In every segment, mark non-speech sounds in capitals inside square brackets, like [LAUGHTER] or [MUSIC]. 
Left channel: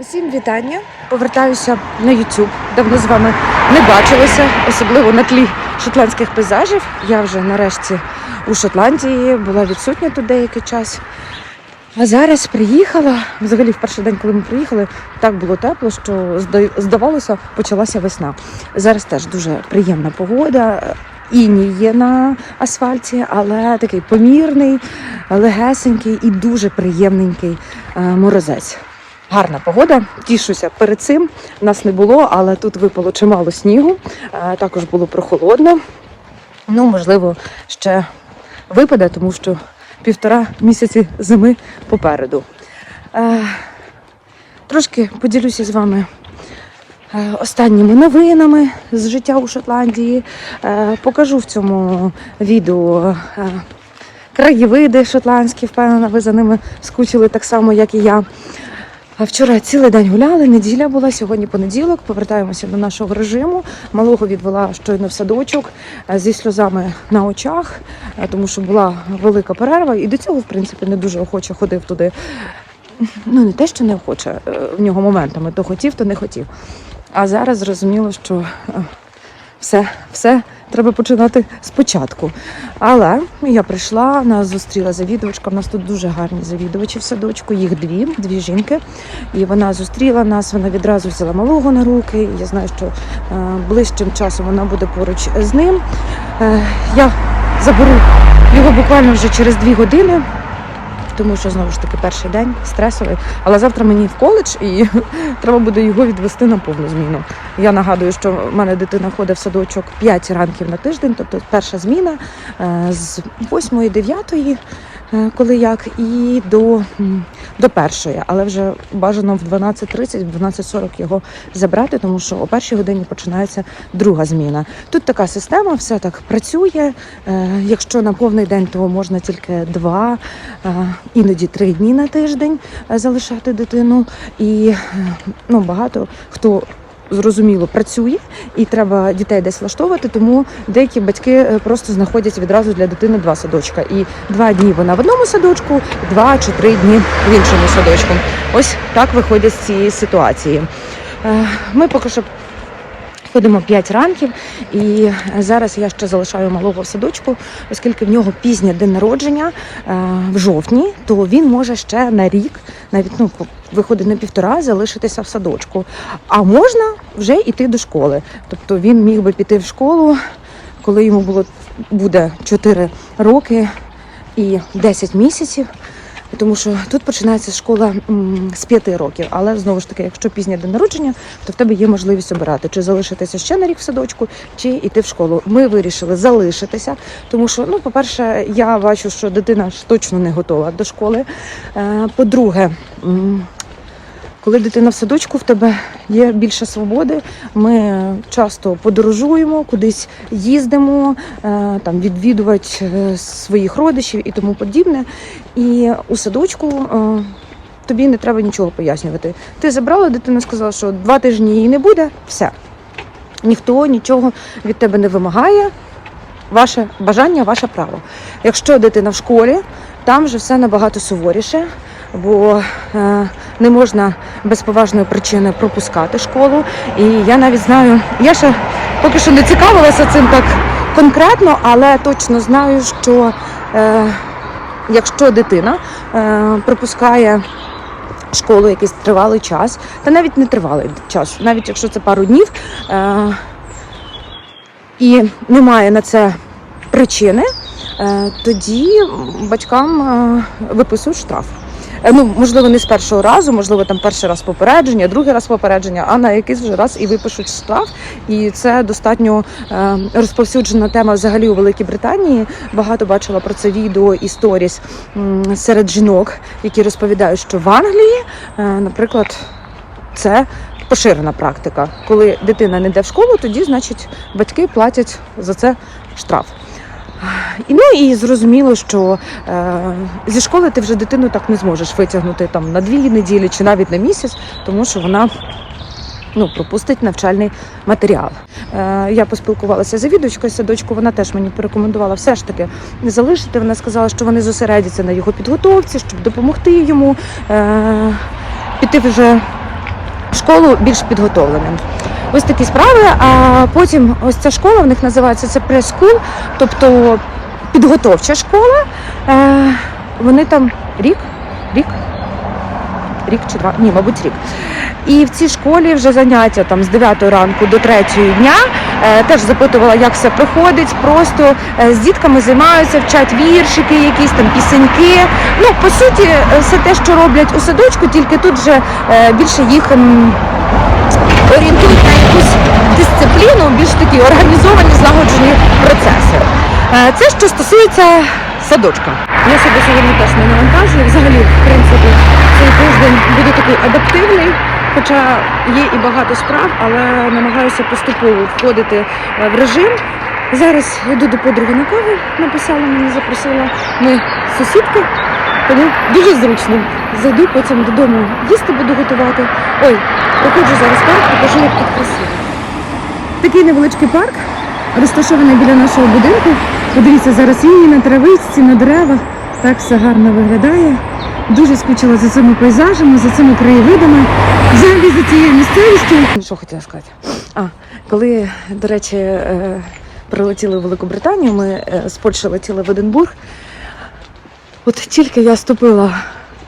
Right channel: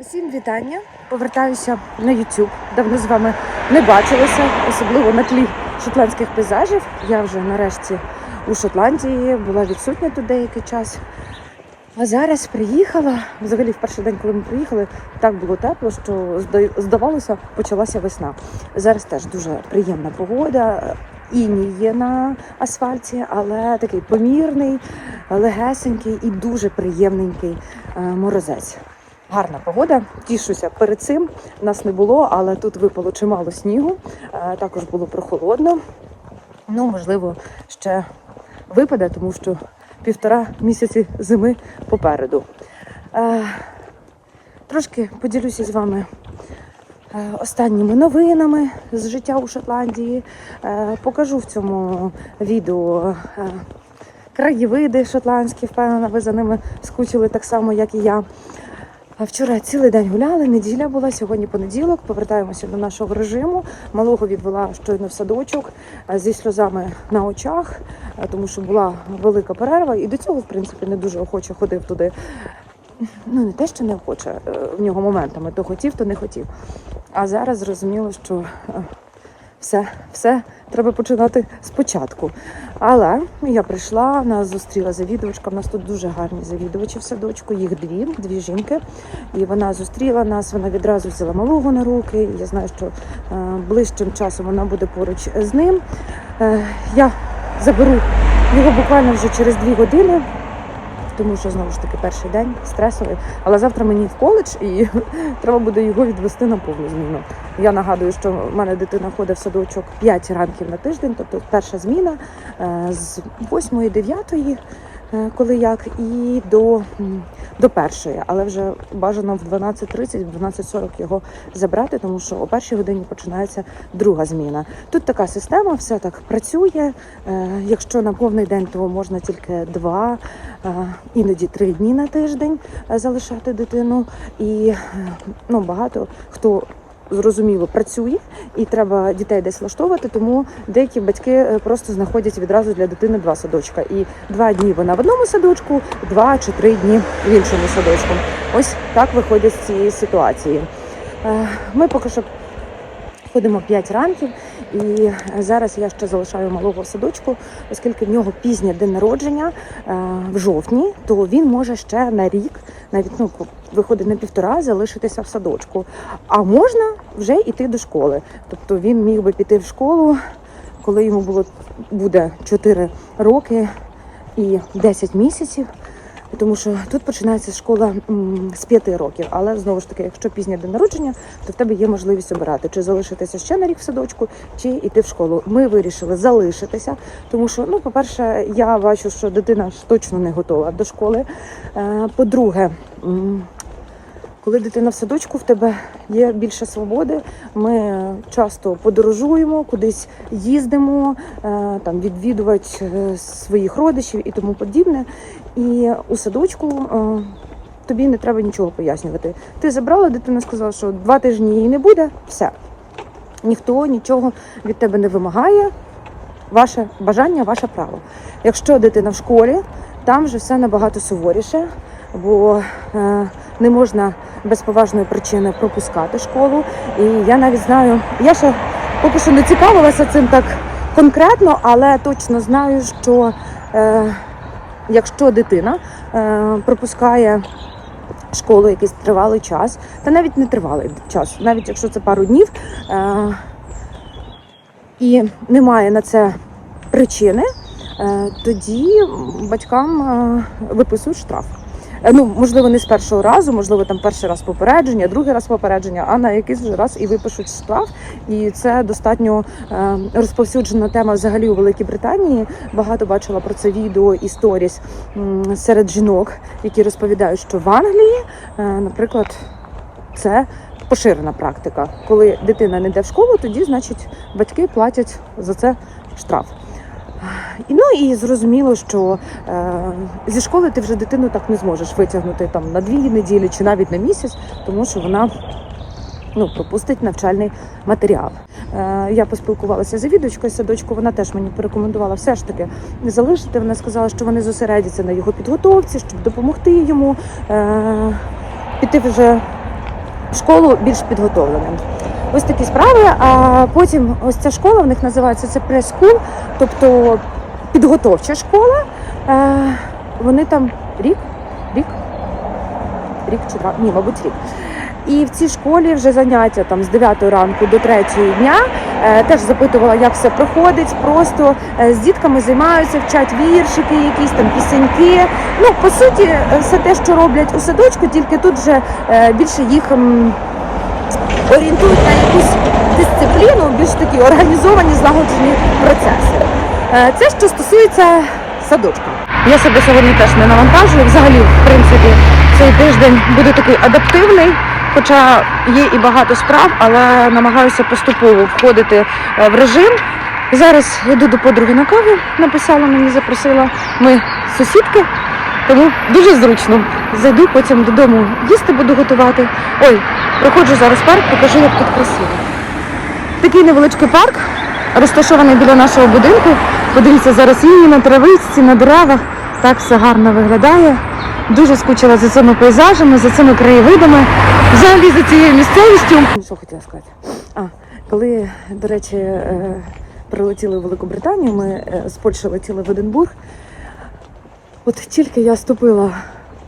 Усім вітання. Повертаюся на YouTube. Давно з вами не бачилася, особливо на тлі шотландських пейзажів. Я вже нарешті у Шотландії була відсутня тут деякий час. А зараз приїхала. Взагалі, в перший день, коли ми приїхали, так було тепло, що здавалося, почалася весна. Зараз теж дуже приємна погода. Іній є на асфальті, але такий помірний, легесенький і дуже приємненький е, морозець. Гарна погода, тішуся перед цим. Нас не було, але тут випало чимало снігу. Е, Також було прохолодно. Ну, можливо, ще випаде, тому що півтора місяці зими попереду. Е, Трошки поділюся з вами е, останніми новинами з життя у Шотландії. Покажу в цьому відео краєвиди шотландські. Впевнена, ви за ними скучили так само, як і я. А Вчора цілий день гуляли, неділя була, сьогодні понеділок. Повертаємося до нашого режиму. Малого відвела щойно в садочок е, зі сльозами на очах, е, тому що була велика перерва, і до цього, в принципі, не дуже охоче ходив туди. Ну, не те, що не охоче е, в нього моментами, то хотів, то не хотів. А зараз зрозуміло, що все, все треба починати спочатку. Але я прийшла, нас зустріла завідувачка. У нас тут дуже гарні завідувачі в садочку, їх дві, дві жінки. І вона зустріла нас, вона відразу взяла малого на руки. Я знаю, що е, ближчим часом вона буде поруч з ним. Е, я заберу його буквально вже через дві години. Тому що знову ж таки перший день стресовий. Але завтра мені в коледж і [LAUGHS] треба буде його відвести на повну зміну. Я нагадую, що в мене дитина ходить в садочок 5 ранків на тиждень, тобто перша зміна е, з 8-9, е, коли як, і до, до першої. Але вже бажано в 12.30, в 12.40 його забрати, тому що о першій годині починається друга зміна. Тут така система, все так працює. Е, Якщо на повний день, то можна тільки два, іноді три дні на тиждень е, залишати дитину. І е, ну, багато хто. Зрозуміло, працює і треба дітей десь влаштовувати, тому деякі батьки е, просто знаходять відразу для дитини два садочка. І два дні вона в одному садочку, два чи три дні в іншому садочку. Ось так виходять з цієї ситуації. Ми поки що ходимо 5 ранків, і зараз я ще залишаю малого в садочку, оскільки в нього пізнє день народження е, в жовтні, то він може ще на рік, навіть ну виходить на півтора, залишитися в садочку. А можна вже йти до школи. Тобто він міг би піти в школу, коли йому було буде 4 роки і 10 місяців. Тому що тут починається школа з п'яти років, але знову ж таки, якщо пізнє день народження, то в тебе є можливість обирати, чи залишитися ще на рік в садочку, чи йти в школу. Ми вирішили залишитися, тому що, ну, по-перше, я бачу, що дитина ж точно не готова до школи. Е, По-друге, коли дитина в садочку, в тебе є більше свободи. Ми часто подорожуємо, кудись їздимо, е, там відвідувати е, своїх родичів і тому подібне. І у садочку е, тобі не треба нічого пояснювати. Ти забрала дитину, сказала, що два тижні її не буде, все. Ніхто нічого від тебе не вимагає. Ваше бажання, ваше право. Якщо дитина в школі, там вже все набагато суворіше, бо е, не можна без поважної причини пропускати школу. І я навіть знаю, я ще поки що не цікавилася цим так конкретно, але точно знаю, що е, якщо дитина е, пропускає школу якийсь тривалий час, та навіть не тривалий час, навіть якщо це пару днів, і немає на це причини, тоді батькам виписують штраф. Е, Ну, можливо, не з першого разу, можливо, там перший раз попередження, другий раз попередження, а на якийсь вже раз і випишуть штраф. І це достатньо е, розповсюджена тема взагалі у Великій Британії. Багато бачила про це відео і сторіс серед жінок, які розповідають, що в Англії, е, наприклад, це поширена практика. Коли дитина не йде в школу, тоді, значить, батьки платять за це штраф. Ну і зрозуміло, що е, зі школи ти вже дитину так не зможеш витягнути там на дві неділі чи навіть на місяць, тому що вона ну, пропустить навчальний матеріал. Е, я поспілкувалася з завідувачкою садочку, вона теж мені порекомендувала все ж таки не залишити. Вона сказала, що вони зосередяться на його підготовці, щоб допомогти йому е, піти вже в школу більш підготовленим. Ось такі справи. А потім ось ця школа в них називається це прес-скул, тобто підготовча школа. Е, вони там рік, рік, рік чи два, ні, мабуть, рік. І в цій школі вже заняття там з 9 ранку до 3 дня. Е, теж запитувала, як все проходить. Просто е, з дітками займаються, вчать віршики, якісь там пісеньки. Ну, по суті, все те, що роблять у садочку, тільки тут вже більше їх орієнтують на якусь дисципліну, більш такі організовані, злагоджені процеси. Е, Це що стосується садочка. Я себе сьогодні теж не навантажую. Взагалі, в принципі, цей тиждень буде такий адаптивний. Хоча є і багато справ, але намагаюся поступово входити е, в режим. Зараз йду до подруги на каву, написала мені, запросила. Ми сусідки, тому дуже зручно. Зайду потім додому їсти буду готувати. Ой, проходжу зараз парк, покажу, як тут красиво. Такий невеличкий парк, розташований біля нашого будинку. Подивіться, зараз лінії на травичці, на деревах. Так все гарно виглядає. Дуже скучила за цими пейзажами, за цими краєвидами, взагалі за цією місцевістю. Що хотіла сказати? А, коли, до речі, е, прилетіли в Велику Британію, ми е, з Польщі летіли в Единбург. От тільки я ступила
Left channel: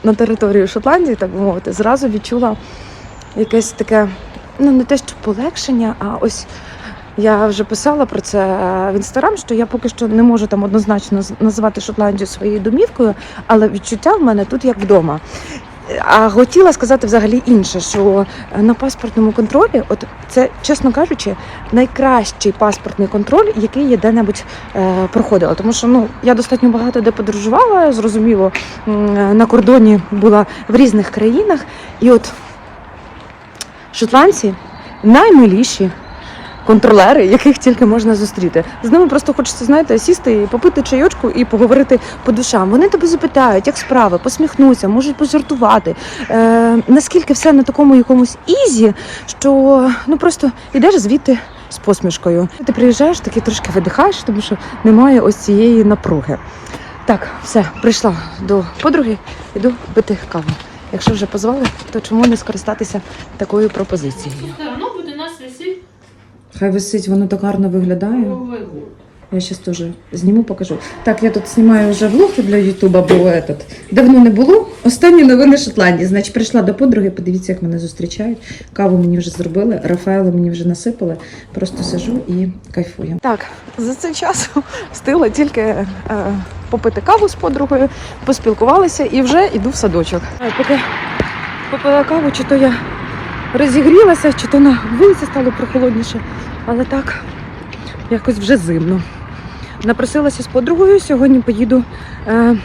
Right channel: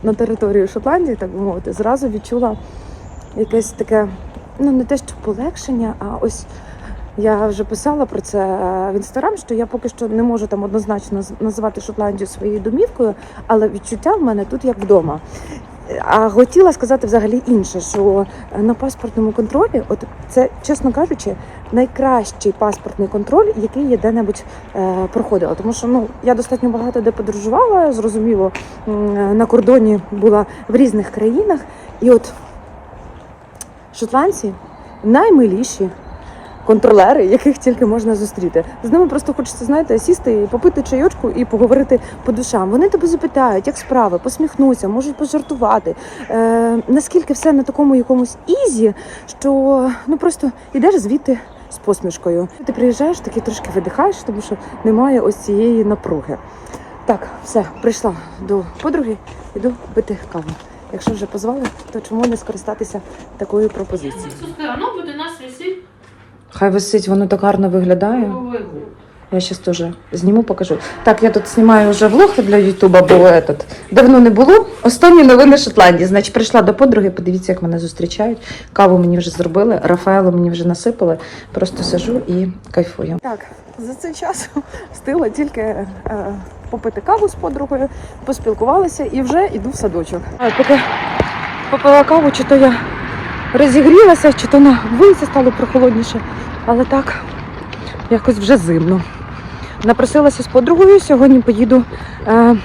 на територію Шотландії, так би мовити, зразу відчула якесь таке, ну не те, що полегшення, а ось я вже писала про це в інстаграм, що я поки що не можу там однозначно назвати Шотландію своєю домівкою, але відчуття в мене тут як вдома. А хотіла сказати взагалі інше, що на паспортному контролі, от це, чесно кажучи, найкращий паспортний контроль, який я де-небудь е, проходила. Тому що ну я достатньо багато де подорожувала, зрозуміло, на кордоні була в різних країнах, і от шотландці наймиліші контролери, яких тільки можна зустріти. З ними просто хочеться, знаєте, сісти і попити чайочку і поговорити по душам. Вони тебе запитають, як справи, посміхнуться, можуть пожартувати. Е, наскільки все на такому якомусь ізі, що ну просто йдеш звідти з посмішкою. Ти приїжджаєш, такий трошки видихаєш, тому що немає ось цієї напруги. Так, все, прийшла до подруги, іду пити каву. Якщо вже позвали, то чому не скористатися такою пропозицією? Воно буде нас висить Хай висить, воно так гарно виглядає. Я зараз теж зніму, покажу. Так, я тут знімаю вже влог для Ютуба, бо этот, давно не було. Останні новини Шотландії. Значить, прийшла до подруги, подивіться, як мене зустрічають. Каву мені вже зробили, Рафаелу мені вже насипали. Просто сижу і кайфую. Так, за цей час встигла тільки е, попити каву з подругою, поспілкувалися і вже йду в садочок. Поки попила каву, чи то я розігрілася, чи то на вулиці стало прохолодніше, але так якось вже зимно. Напросилася з подругою. Сьогодні поїду. Е,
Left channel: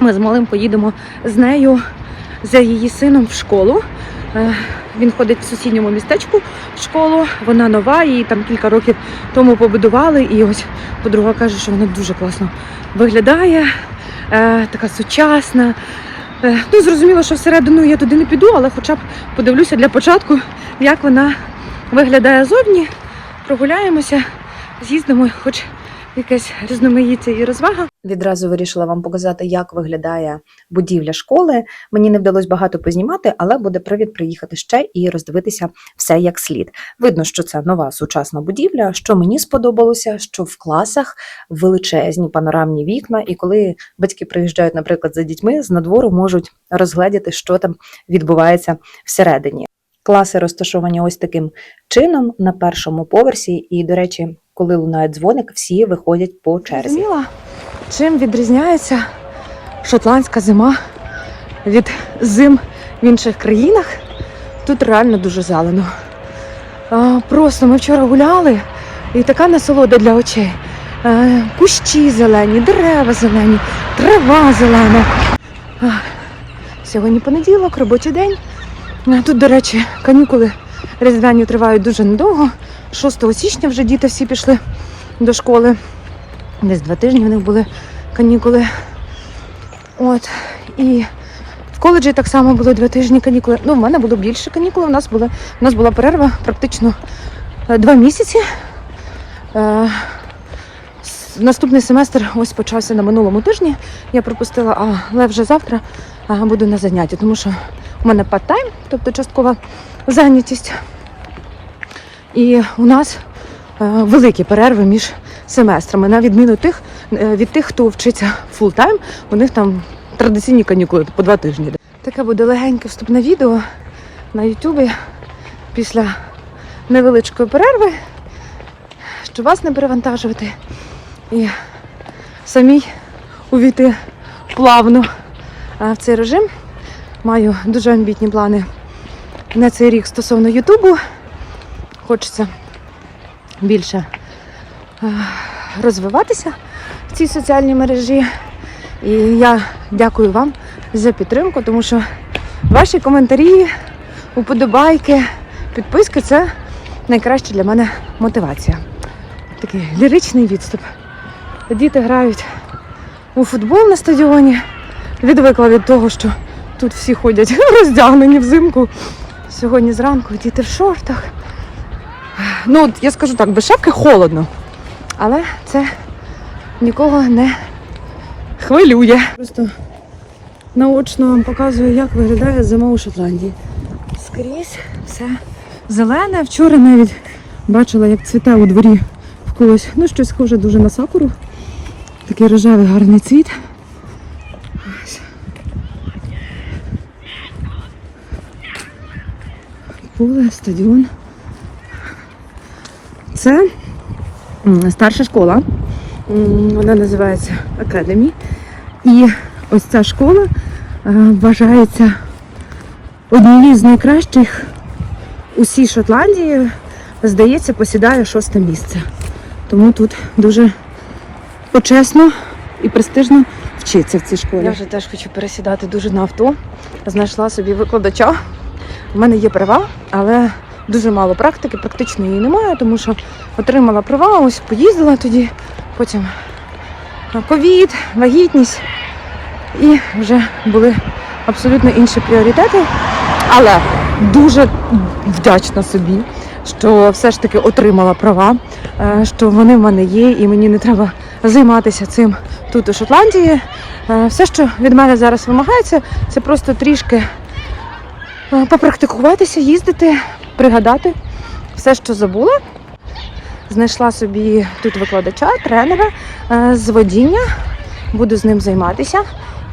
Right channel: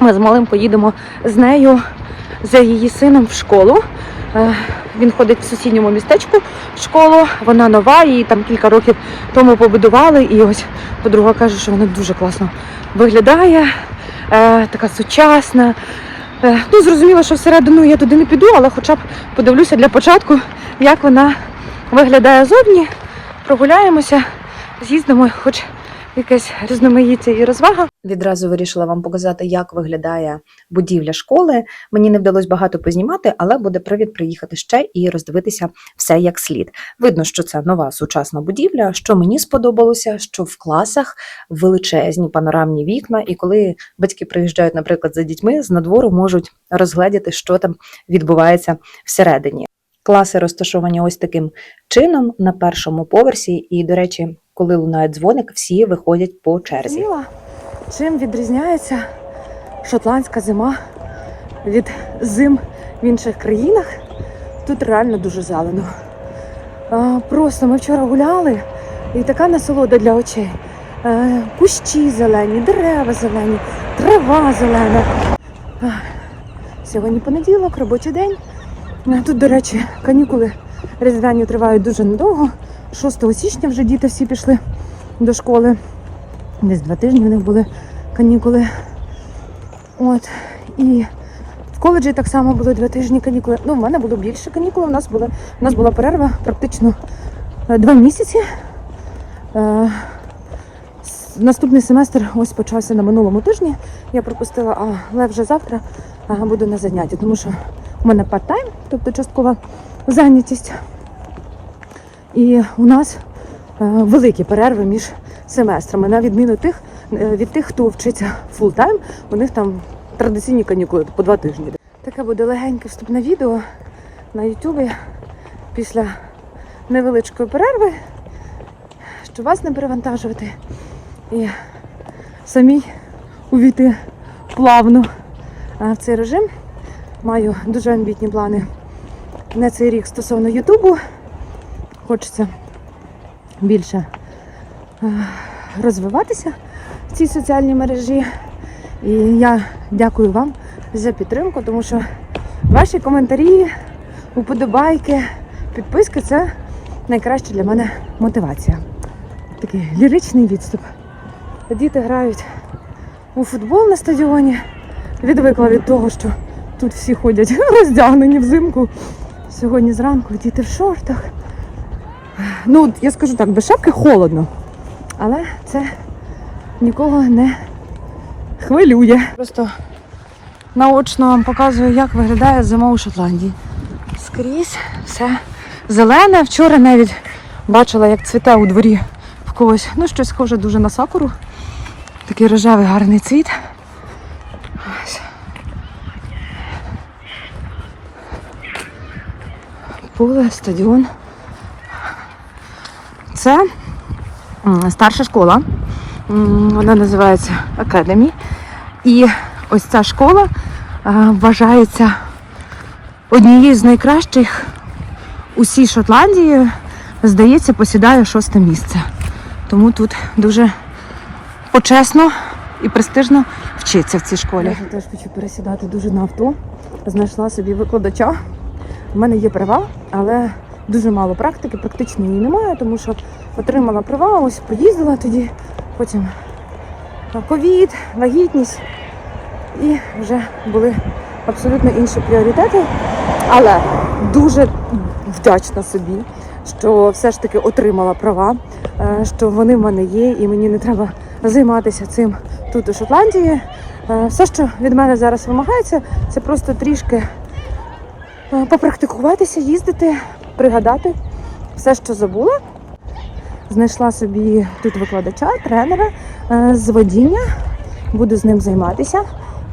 ми з малим поїдемо з нею, за її сином в школу. Е, він ходить в сусідньому містечку в школу. Вона нова, її там кілька років тому побудували. І ось подруга каже, що вона дуже класно виглядає, е, така сучасна. Е, ну, зрозуміло, що всередину я туди не піду, але хоча б подивлюся для початку, як вона виглядає зовні. Прогуляємося, з'їздимо, хоч якесь різноманіття і розвага. Відразу вирішила вам показати, як виглядає будівля школи. Мені не вдалося багато познімати, але буде привід приїхати ще і роздивитися все як слід. Видно, що це нова сучасна будівля. Що мені сподобалося, що в класах величезні панорамні вікна, і коли батьки приїжджають, наприклад, за дітьми, з надвору можуть розгледіти, що там відбувається всередині. Класи розташовані ось таким чином на першому поверсі, і, до речі, коли лунає дзвоник, всі виходять по черзі. Чим відрізняється шотландська зима від зим в інших країнах. Тут реально дуже зелено. Просто ми вчора гуляли, і така насолода для очей. Кущі зелені, дерева зелені, трава зелена. Сьогодні понеділок, робочий день. Тут, до речі, канікули різдвяні тривають дуже недовго. 6 січня вже діти всі пішли до школи. Десь два тижні в них були канікули. От. І в коледжі так само було два тижні канікули. Ну, в мене було більше канікули. У нас була, у нас була перерва практично е, два місяці. Е, Наступний семестр ось почався на минулому тижні. Я пропустила, але вже завтра буду на занятті, тому що у мене part-time, тобто часткова зайнятість. І у нас е, великі перерви між семестрами, на відміну тих, е, від тих, хто вчиться фултайм, у них там традиційні канікули по два тижні. Таке буде легеньке вступне відео на Ютубі після невеличкої перерви, щоб вас не перевантажувати і самій увійти плавно е, в цей режим. Маю дуже амбітні плани на цей рік стосовно Ютубу. Хочеться більше е, розвиватися в цій соціальній мережі. І я дякую вам за підтримку, тому що ваші коментарі, уподобайки, підписки це найкраща для мене мотивація. Такий ліричний відступ. Діти грають у футбол на стадіоні. Відвикла від того, що тут всі ходять [LAUGHS] роздягнені взимку. Сьогодні зранку діти в шортах. Ну, я скажу так, без шапки холодно. Але це нікого не хвилює. Просто наочно вам показую, як виглядає зима у Шотландії. Скрізь все зелене. Вчора навіть бачила, як цвіте у дворі в когось. Ну, щось схоже дуже на сакуру. Такий рожевий гарний цвіт. Ось. Поле, стадіон. Це старша школа. Вона називається Academy. І ось ця школа вважається однією з найкращих у всій Шотландії. Здається, посідає шосте місце. Тому тут дуже почесно і престижно вчиться в цій школі. Я вже теж хочу пересідати дуже на авто. Знайшла собі викладача. У мене є права, але дуже мало практики, практично її немає, тому що отримала права, ось поїздила тоді, потім ковід, вагітність і вже були абсолютно інші пріоритети. Але дуже вдячна собі, що все ж таки отримала права, е, що вони в мене є, і мені не треба займатися цим тут у Шотландії. Е, Все, що від мене зараз вимагається, це просто трішки е, попрактикуватися, їздити, пригадати все, що забула. Знайшла собі тут викладача, тренера е, з водіння. Буду з ним займатися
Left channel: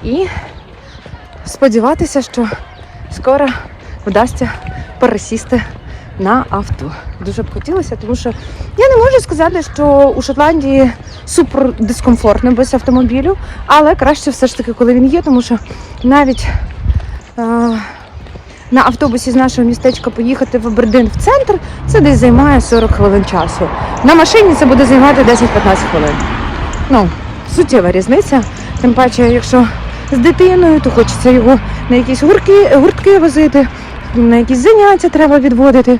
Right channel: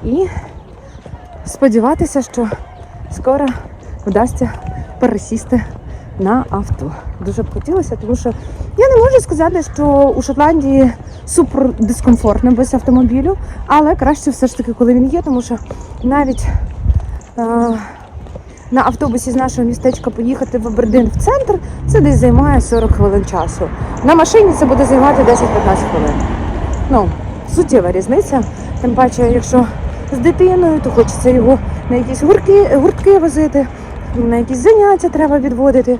і сподіватися, що скоро вдасться пересісти на авто. Дуже б хотілося, тому що я не можу сказати, що у Шотландії супер дискомфортно без автомобілю, але краще все ж таки, коли він є, тому що навіть е, на автобусі з нашого містечка поїхати в Абердин в центр, це десь займає 40 хвилин часу. На машині це буде займати 10-15 хвилин. Ну, суттєва різниця. Тим паче, якщо з дитиною, то хочеться його на якісь гуртки, гуртки возити, на якісь заняття треба відводити.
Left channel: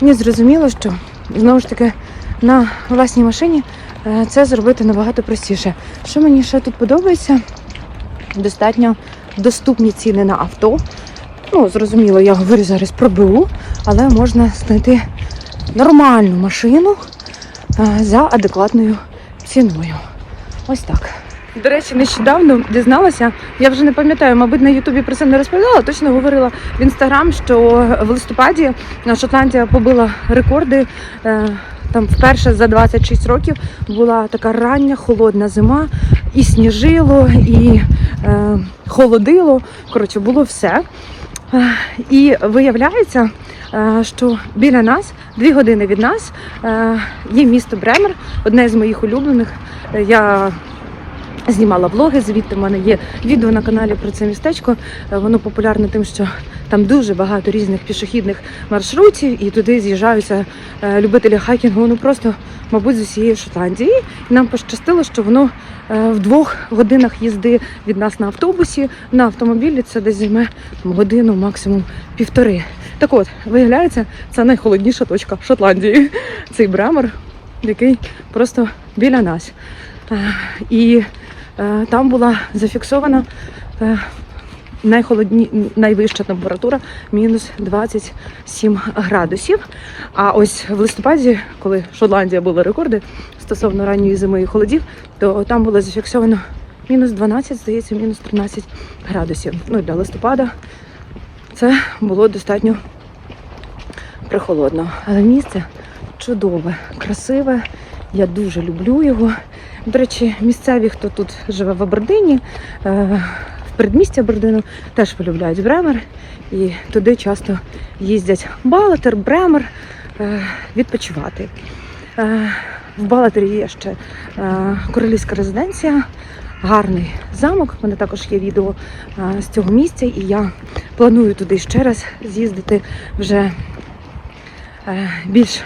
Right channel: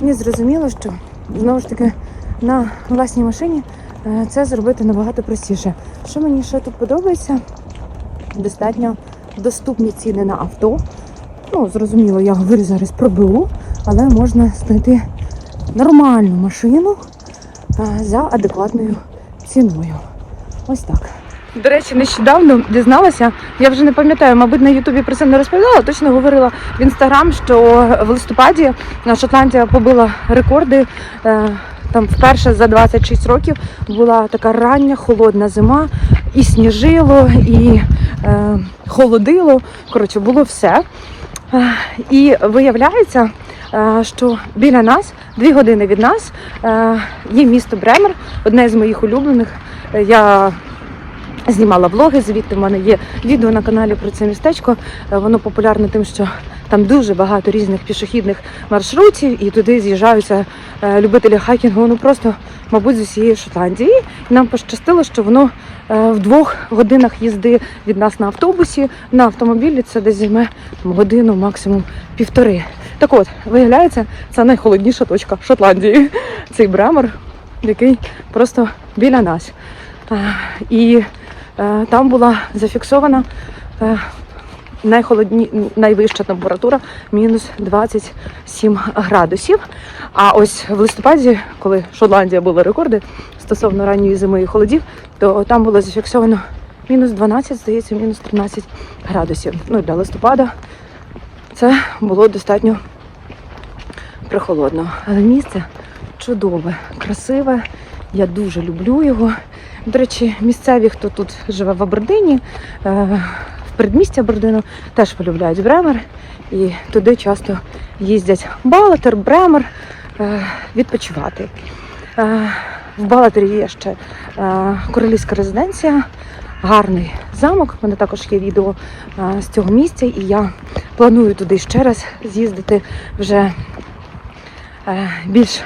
Мені зрозуміло, що знову ж таки на власній машині е, це зробити набагато простіше. Що мені ще тут подобається? Достатньо доступні ціни на авто. Ну, зрозуміло, я говорю зараз про БУ, але можна знайти нормальну машину за адекватною ціною. Ось так. До речі, нещодавно дізналася, я вже не пам'ятаю, мабуть, на Ютубі про це не розповідала, точно говорила в інстаграм, що в листопаді Шотландія побила рекорди. е, Там вперше за 26 років була така рання холодна зима, і сніжило, і е, холодило. Коротше, було все. Е, І виявляється, е, що біля нас, дві години від нас, е, є місто Бремер, одне з моїх улюблених. Я знімала влоги, звідти в мене є відео на каналі про це містечко. Е, Воно популярне тим, що там дуже багато різних пішохідних маршрутів, і туди з'їжджаються е, любителі хайкінгу. Ну просто, мабуть, з усієї Шотландії. І нам пощастило, що воно е, в двох годинах їзди від нас на автобусі. На автомобілі це десь займе там, годину, максимум півтори. Так от, виявляється, це найхолодніша точка Шотландії. Цей бремер, який просто біля нас. І там була зафіксована е, найхолодні, найвища температура мінус 27 градусів. А ось в листопаді, коли Шотландія була рекорди стосовно ранньої зими і холодів, то там було зафіксовано мінус 12, здається, мінус 13 градусів. Ну для листопада це було достатньо прихолодно. Але місце чудове, красиве. Я дуже люблю його. До речі, місцеві, хто тут живе в Абердині, е, в передмісті Абердину, теж полюбляють Бремер. І туди часто їздять Балатер, Бремер е, відпочивати. Е, В Балатері є ще королівська резиденція, гарний замок. У мене також є відео з цього місця, і я планую туди ще раз з'їздити вже більш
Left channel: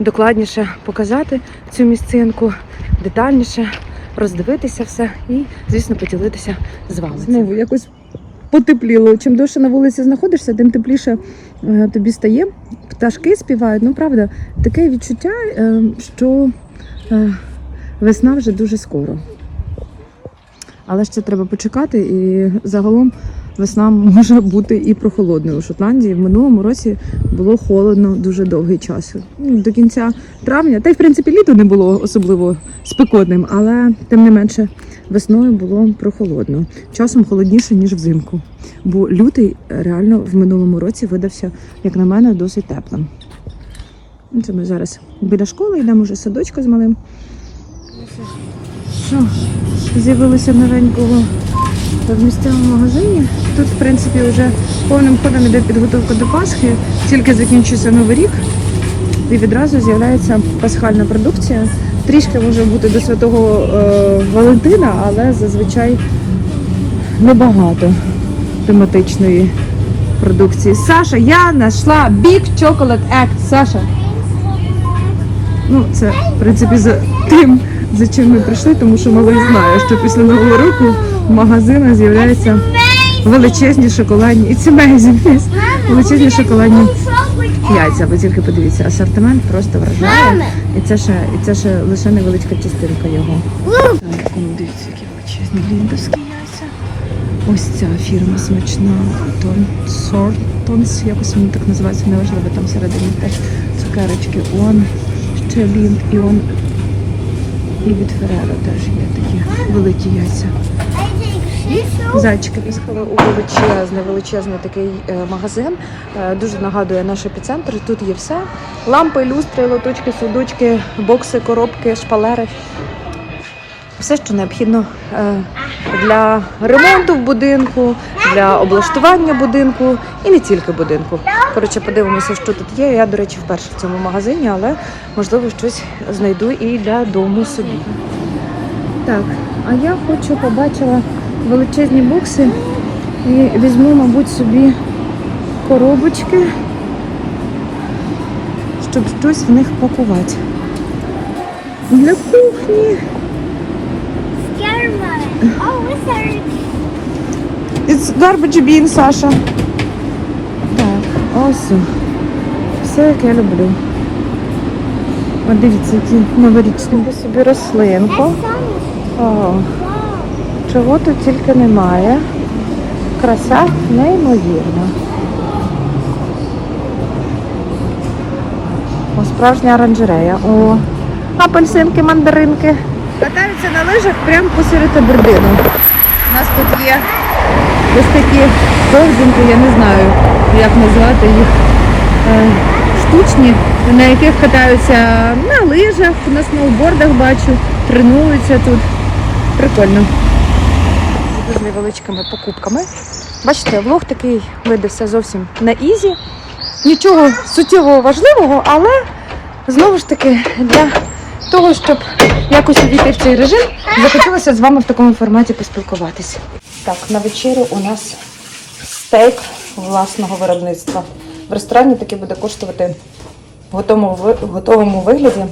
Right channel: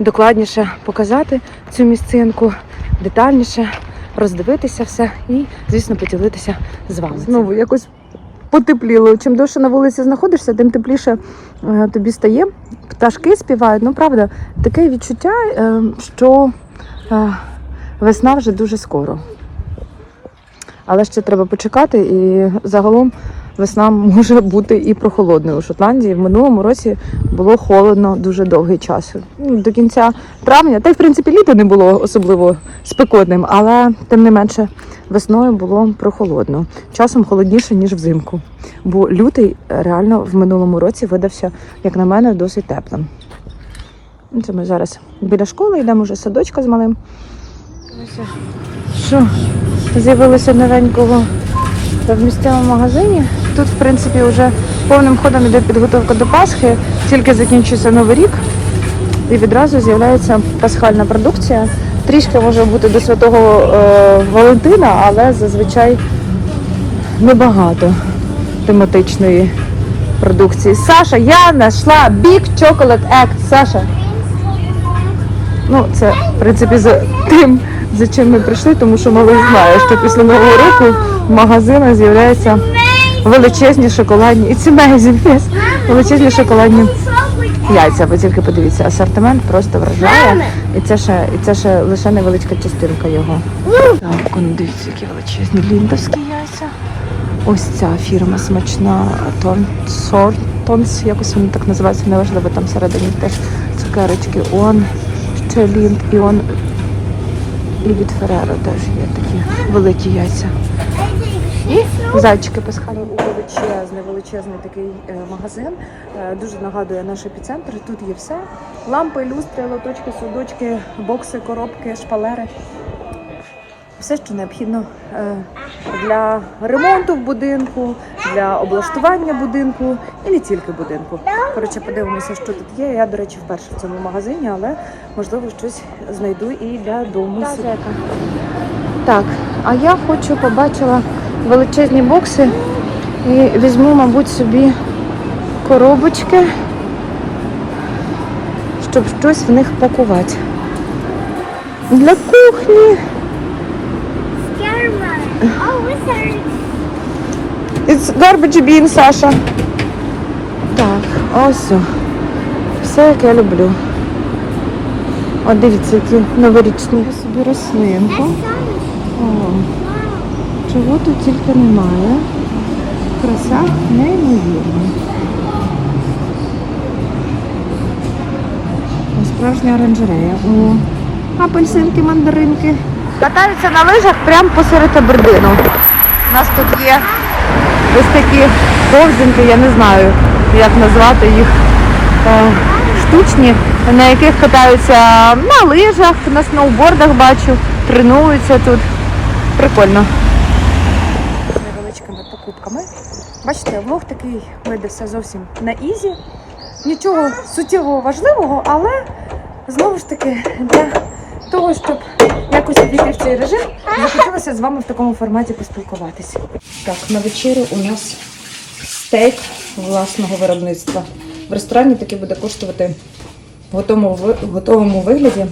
докладніше показати цю місцинку, детальніше роздивитися все і, звісно, поділитися з вами. Знову якось потепліло. Чим довше на вулиці знаходишся, тим тепліше е, тобі стає. Пташки співають. Ну, правда, таке відчуття, е, що е, весна вже дуже скоро. Але ще треба почекати, і загалом весна може бути і прохолодною у Шотландії. В минулому році було холодно дуже довгий час. Ну, До кінця травня, та й в принципі літо не було особливо спекотним, але тим не менше весною було прохолодно. Часом холодніше, ніж взимку. Бо лютий реально в минулому році видався, як на мене, досить теплим. Це ми зараз біля школи йдемо вже садочка з малим. Що, з'явилося новенького в місцевому магазині. Тут, в принципі, вже повним ходом іде підготовка до Пасхи, тільки закінчується Новий рік і відразу з'являється пасхальна продукція. Трішки може бути до святого е, Валентина, але зазвичай небагато тематичної продукції. Саша, я знайшла Big Chocolate Act. Саша. Ну, це, в принципі, за тим, за чим ми прийшли, тому що малий знає, що після Нового року магазинах з'являються величезні шоколадні. І ці amazing, величезні шоколадні яйця. Ви тільки подивіться, асортимент просто вражає. І це ще, і це ще лише невеличка частинка його. Так, ну дивіться, які величезні ліндовські яйця. Ось ця фірма смачна Тон Тонс, якось вони так називаються, неважливо, там всередині теж цукерочки. Он ще лінд і он і від Ферреро теж є такі великі яйця. Зайчики пускали у величезний, величезний такий е, магазин. Е, дуже нагадує наш епіцентр. Тут є все: лампи, люстри, лоточки, судочки, бокси, коробки, шпалери. Все, що необхідно е, для ремонту в будинку, для облаштування будинку і не тільки будинку. Коротше, подивимося, що тут є. Я, до речі, вперше в цьому магазині, але можливо щось знайду і для дому собі. Так, а я хочу побачила величезні бокси і візьму, мабуть, собі коробочки, щоб щось в них пакувати. Для кухні. It's garbage bin, Саша. Так, ось. Все, як я люблю. О, дивіться, які новорічні. Собі рослинку. О, чого тут тільки немає. Краса неймовірна. О, справжня оранжерея. О, апельсинки, мандаринки. Катаються на лижах прямо посеред Абердину. У нас тут є ось такі ковзинки, я не знаю, як назвати їх. е, Штучні, на яких катаються на лижах, на сноубордах бачу, тренуються тут. Прикольно. Невеличкими покупками. Бачите, влог такий видався зовсім на ізі. Нічого суттєво важливого, але знову ж таки для того, щоб якось увійти в цей режим, захотілося з вами в такому форматі поспілкуватися. Так, на вечерю у нас стейк власного виробництва. В ресторані таки буде коштувати в готовому вигляді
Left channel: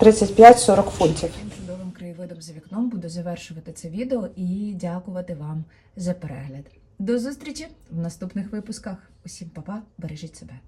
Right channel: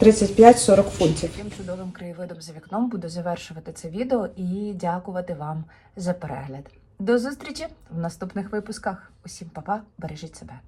35-40 фунтів. Цим чудовим краєвидом за вікном буду завершувати це відео і дякувати вам за перегляд. До зустрічі в наступних випусках. Усім па-па, бережіть себе.